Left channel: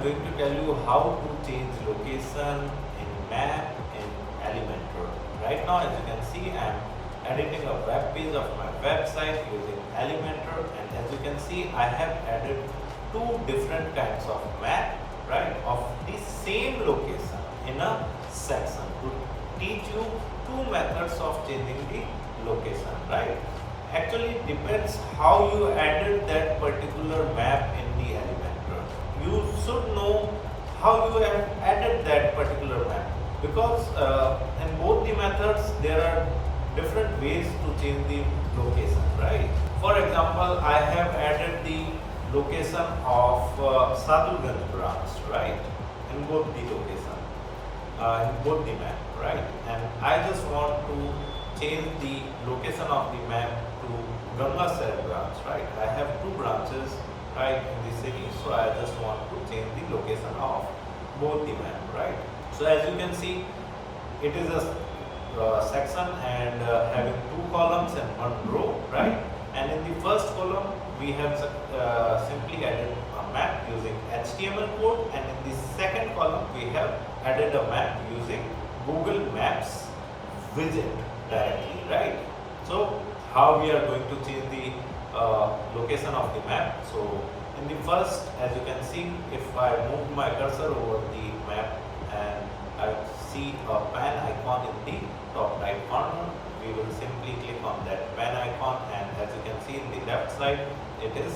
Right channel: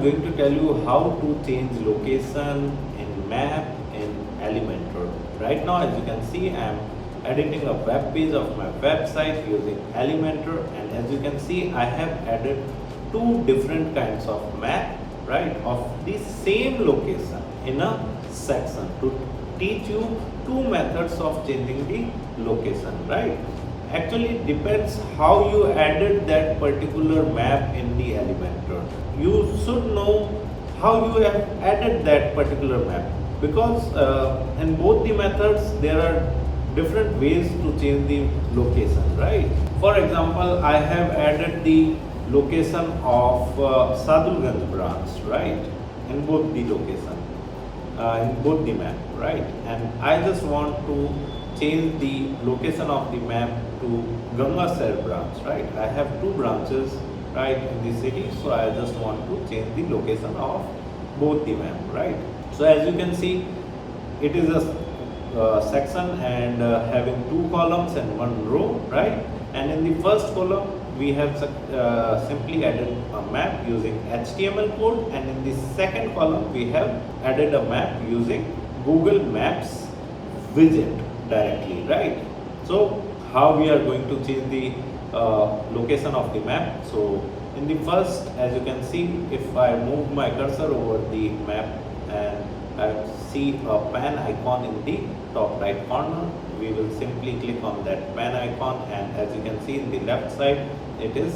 I'm going to tell you how to change location in map in Elementor. Right now, as you can see, I'm editing a web page of my website using Elementor, and as you can see, I have added two different kinds of map, right, of the same location in a section to teach you two methods of changing the location, right. Actually, it depends how you added that particular map in the Elementor. You should know how you have added that particular map, because in both the methods there are different ways to change the location, right. For example, I have added the location of Sadhulganj branch, right, in both the location, in both the map, right, and I just want to change the location of the map to Gangasar branch, right. I have two branches, right, in the city, so I just want to change the location of both the map, right. So as you can see, it is a section and having two columns and one row, right, and in the first column we have simply added a map using HTML code, and in the second column we have added a map using Google Maps widget directly, right. So how we are going to change the location of the map? So in the first, as you can see, if I move my cursor over the map and I see a pen icon in the top right corner, we will simply click on that pen icon, and as you can see in the left side, it is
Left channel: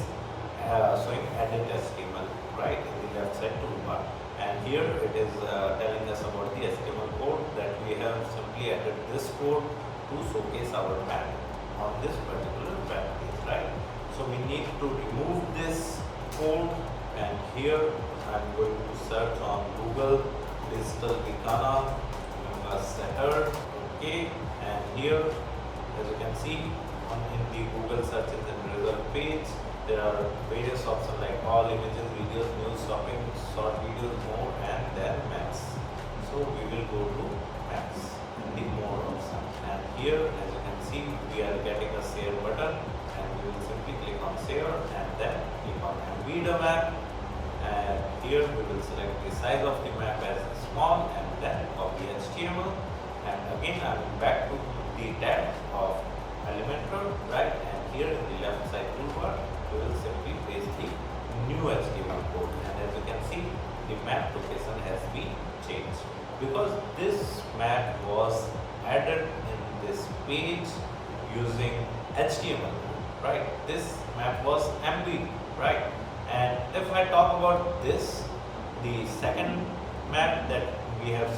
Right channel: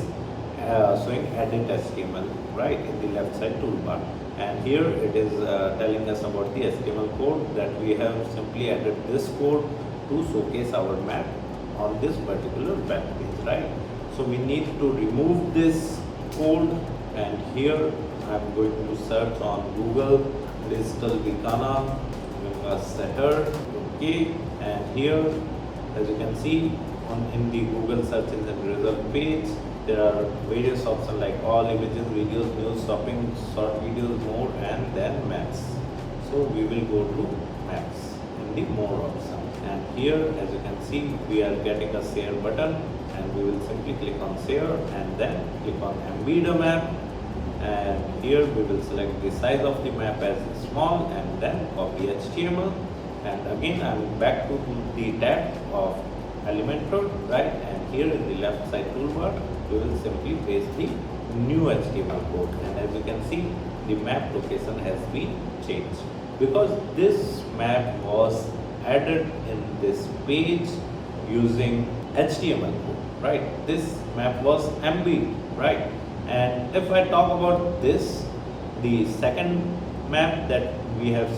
showing edit HTML, right, in the left side toolbar, and here it is telling us about the HTML code that we have simply added this code to showcase our map on this particular web page, right. So we need to remove this code, and here I'm going to search on Google digital Bikana setter, okay, and here as you can see in the Google search engine result page, there are various options like all images, videos, news, shopping, short videos, more, and then maps. So we will go to maps in the more option, and here as you can see we are getting a share button, and we will simply click on share and then click on embed a map, and here we will select the size of the map as small and then copy HTML, and again I'm back to the tab of Elementor, right, and here in the left side toolbar we will simply paste the new HTML code, and as you can see the map location has been changed because this map was added in this page using HTML code, right. This map was embedded, right, and if I talk about this, the second map that we have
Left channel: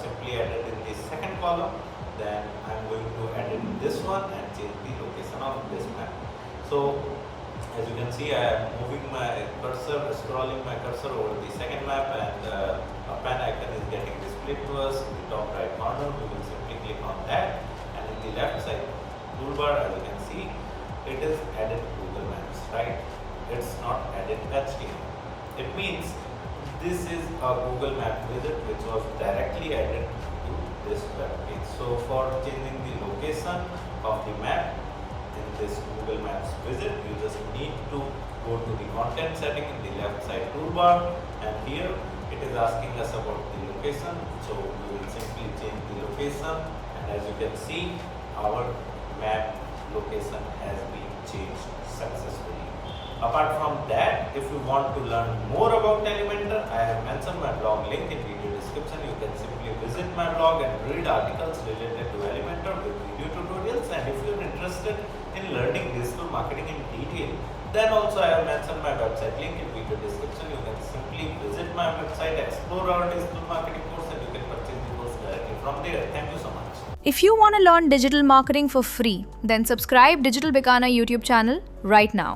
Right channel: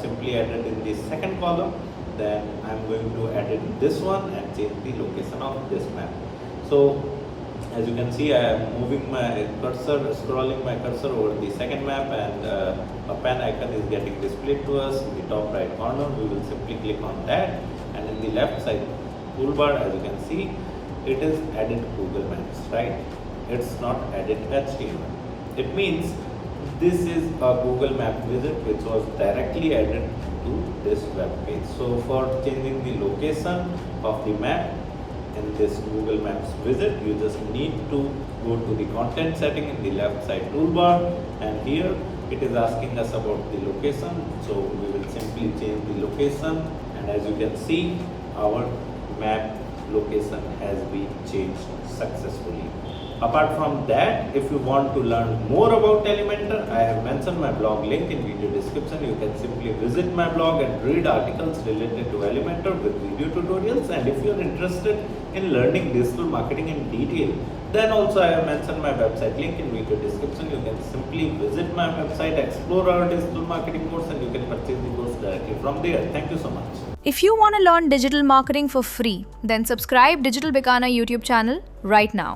simply added in the second column, then I'm going to edit this one and change the location of this map. So as you can see, I am moving my cursor, scrolling my cursor over the second map, and a pen icon is getting displayed to us in the top right corner. We will simply click on that, and in the left side toolbar, as you can see, it is added Google Maps, right. It's not added HTML. It means this is a Google Map widget which was directly added to this web page. So for changing the location of the map in this Google Maps widget, you just need to go to the content setting in the left side toolbar, and here it is asking us about the location. So we will simply change the location, and as you can see, our map location has been changed successfully. Apart from that, if you want to learn more about Elementor, I have mentioned my blog link in video description. You can simply visit my blog and read articles related to Elementor with video tutorials. And if you are interested in learning digital marketing in detail, then also I have mentioned my website link in video description. You can simply visit my website, explore our digital marketing course, and you can purchase the course directly from there. Thank you so much. If you want to learn digital marketing for free, then subscribe Digital Bikana YouTube channel right now.